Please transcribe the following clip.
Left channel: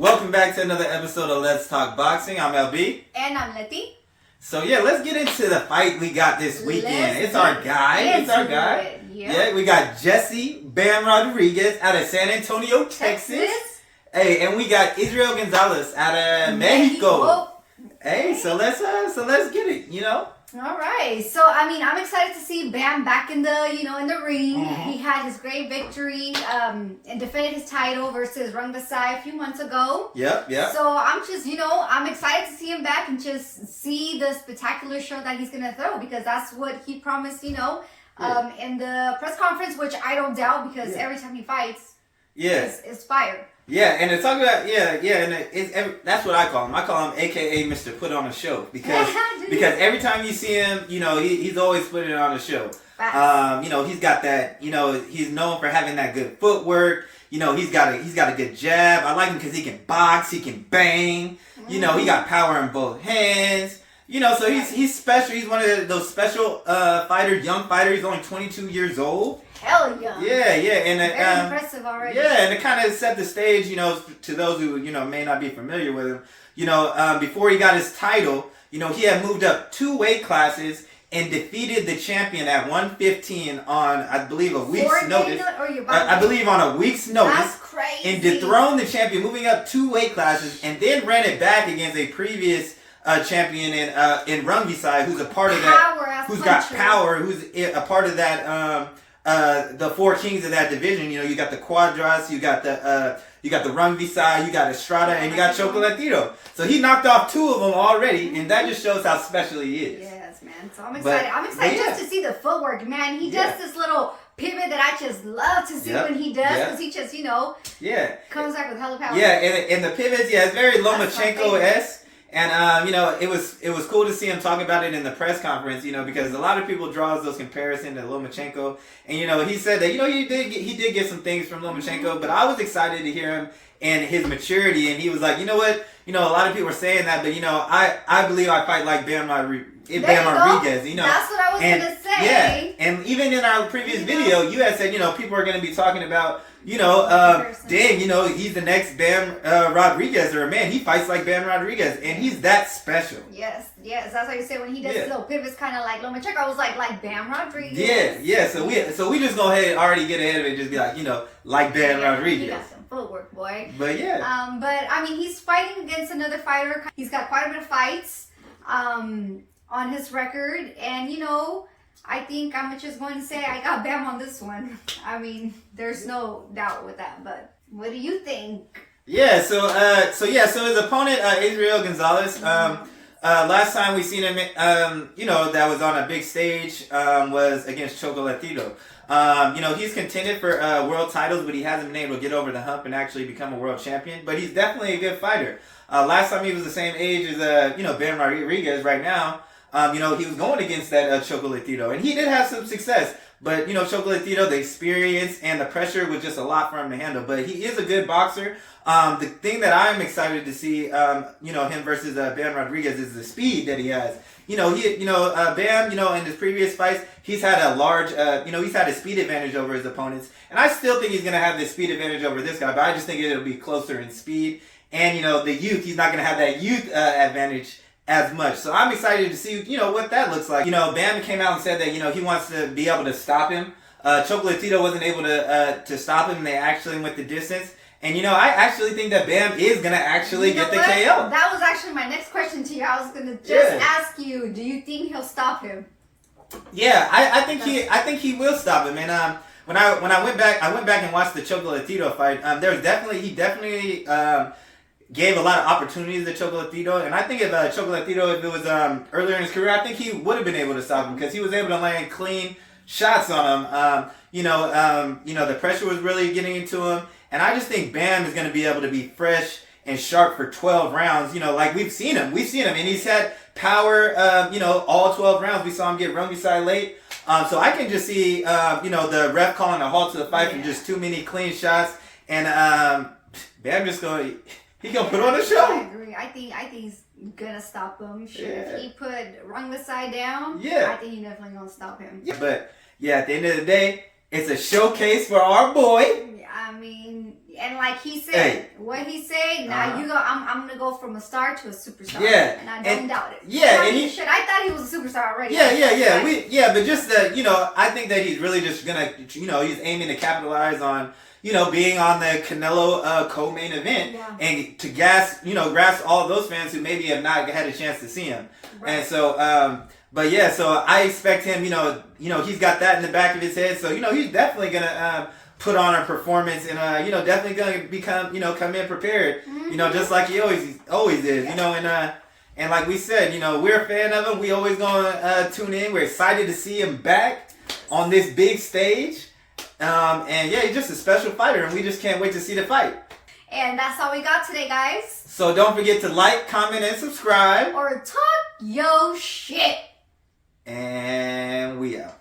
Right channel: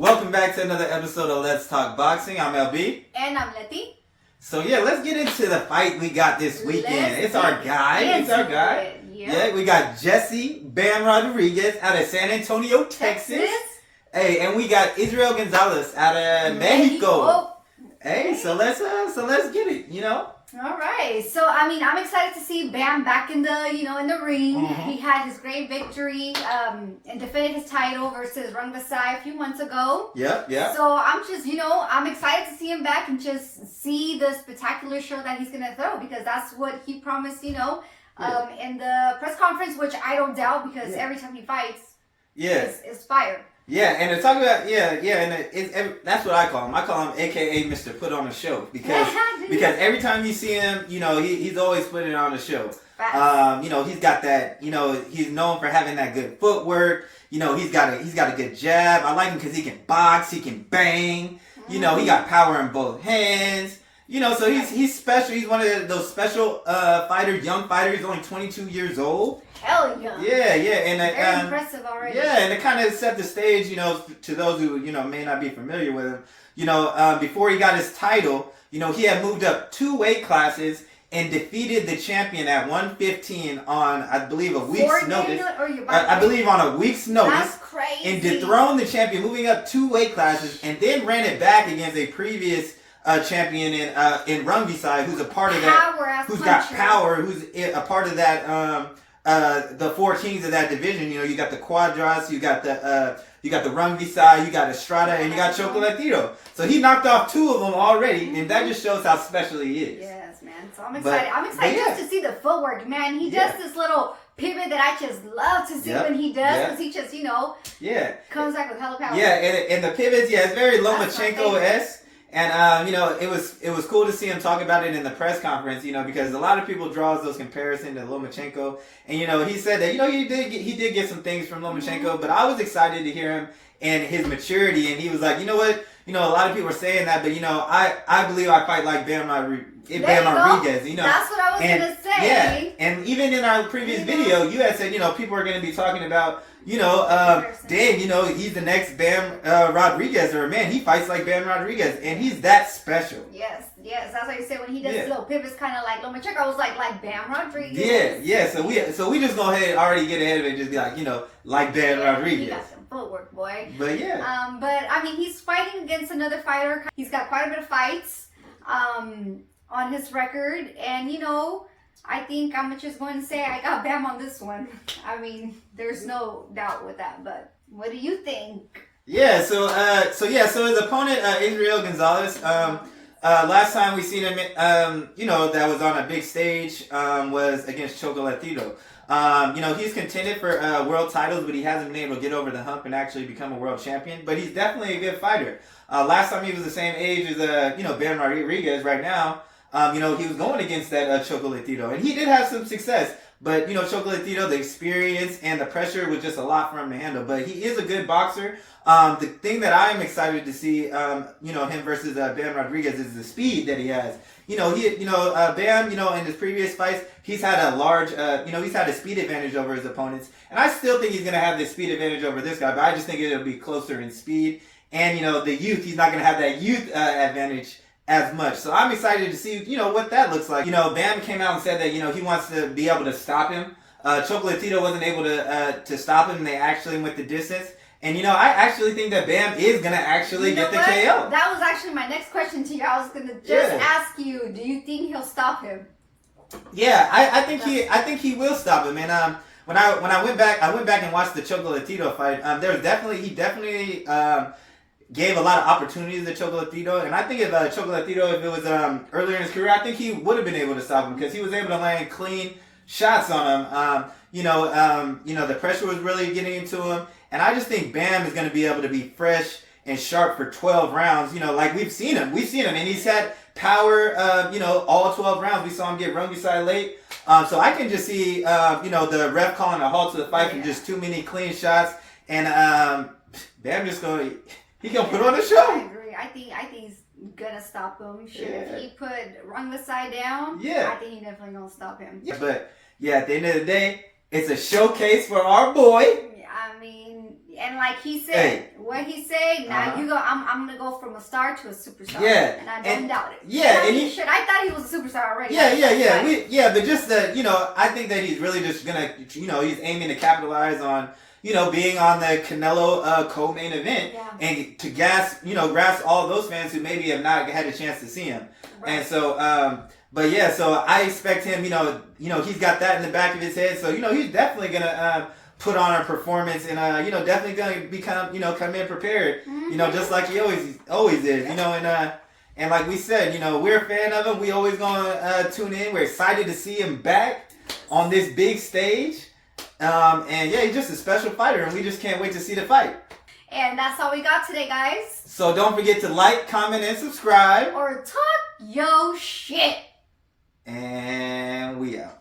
Welcome back to another episode of Let's Talk Boxing. I'm LB. And I'm Letty. So yeah, let's get into the fight we got this weekend. It's our guy. Yeah, we got Jesse Bam Rodriguez out of San Antonio, Texas. Hey, and we got Israel Gonzalez out of Mexico. Hey, so let's get it, you know? All right. So I'm excited to see Bam back in the ring. Mm-hmm. He had his great victory and defended his title versus Gonzalez a few months ago. Yeah. So I'm excited to see him back and just see the spectacular show that he's gonna throw, because that's what he promised, in the press conference, which I don't doubt, because every time he fights, it's fire. Yeah, and to talk about and that's what I call him. I call him AKA Mr. Put on a Show, because every time you see him, he's always putting on a show. He's got that, he's known for having that good footwork. He's got a good jab. I like him because he can box, he can bang. He got power in both hands. So he's special. He's one of those special fighters, young fighter. He's only 22 years old. Hell yeah. Yeah, and very impressive already. Yeah, and to kind of set the stage, to those who may not be familiar with him, before he got his title, he had moved up 2 weight classes and defeated the champion at 115 on, I believe, a week's notice. I believe on a week's notice. That's crazy. And dethroned the champion, moving up 2 weight classes, and then ran it back against a previous champion in Gonzalez, who's a part of that, who's got power, who's a part of that. The 4 kings of that division, you got the Cuadras, you got the Gonzalez, you got Estrada, and you got Chocolatito. So he knocked off 2 of them already, and that just shows how special he is. Yes, man. So I'm excited. I'm excited just to see the footwork, man. He does this little pivot that I just love to see when he does, because he just, comes back with hella power. Yeah, and the pivots, it's very Lomachenko-esque. And it was cool to see him talk about it in the press conference, because a lot of people draws those comparisons to Lomachenko, and he said that he did get some things from Lomachenko, but I was excited to hear him and his maturity, and he was like, you know what, a lot of people are saying that, but I believe I fight like Bam Rodriguez, That's what I was gonna say. Yeah, and even in our previous video, you had said people are gonna be talking about. He's the next Bam Rodriguez, or man, he fights like Bam Rodriguez, and he's that special. Yes, that's why you say when he does little pivots, kind of like Lomachenko, I was like Bam Rodriguez. Yeah. So we just go ahead, already get ahead of it, and just be like Bam Rodriguez. He got some footwork, boy. But he's fighting against another fighter. He's got quite a bit of fights, on his record, and I think I'm just going to say I got Bam on this one. There's no doubt with that. But what do you think? Yeah. So his opponent, Israel Gonzalez. Last time we seen him, that was on a big stage, was against Chocolatito. He's contended for world titles, but he hasn't been able to get over the hump and actually become a world champion. But he's definitely a good fighter. Last time he was the same age as Bam Rodriguez right now. He was going against that Chocolatito, and he did have some success. But Chocolatito, the experience and the pressure was just a lot for him to handle. But he is a good boxer. The thing that I'm excited to see, him versus Bam Rodriguez is the speed that he has. Bam, in his previous fights, he's had a large, he's had a speed advantage over his opponents, and I still think he's gonna have this speed advantage over this guy. But I just think it'll be closer in speed, and the youth, he's not gonna have that youth advantage as much. So I'm excited to see, what that looks like. Bam came out and said that, he wants to be able to stop him. Chocolatito wasn't able to stop him. They actually went the distance. And, I actually think that Bam is going to actually get the KO. That was actually my next question to you. I was going to just ask you, do you think he'll stop him? Yeah, I think he will stop him. And when I went back and watched the Chocolatito fight, he definitely gave a lot of opportunities to Chocolatito, and I think if Chocolatito, if it was earlier in his career, I think he would have been able to stop him, because he was able to land clean shots on him. The pressure was really getting into him, and I just think Bam is going to be able to be fresh and sharp for 12 rounds. Like we've seen him, and he's had power. All 12 rounds. We saw him get Gonzalez late. So I can just see the ref calling a halt to the fight from just too many clean shots, and Bam just going. He gonna put on a show. I agree. I think he's gonna stop him. If he put Gonzalez down, I think he's definitely gonna stop him. Yeah. But at the end of the day, It's a showcase for our boy. I mean, and like he said, Hey. what he said. Now you go. I'm gonna go from a star to a superstar. Yeah, and I don't doubt it. Yeah, I mean, I thought he was a superstar already. Yeah. But just that, I think that he's really just gonna, he's aiming to capitalize on, being on the Canelo co-main event and to grasp all those fans who maybe have not had a chance to see him. Right. And so, but yeah, so I expect him, he's got that in the back of his head. So, he's definitely gonna put on a performance and definitely gonna become, come in prepared, just like he always is, and like we said, we're a fan of him. We always gonna tune in. We're excited to see him back on this big stage. And yeah, he's just a special fighter, and we just can't wait to see the fight. And that's all we got today, guys. So don't forget to like, comment, and subscribe. Or talk yo shit. And we out.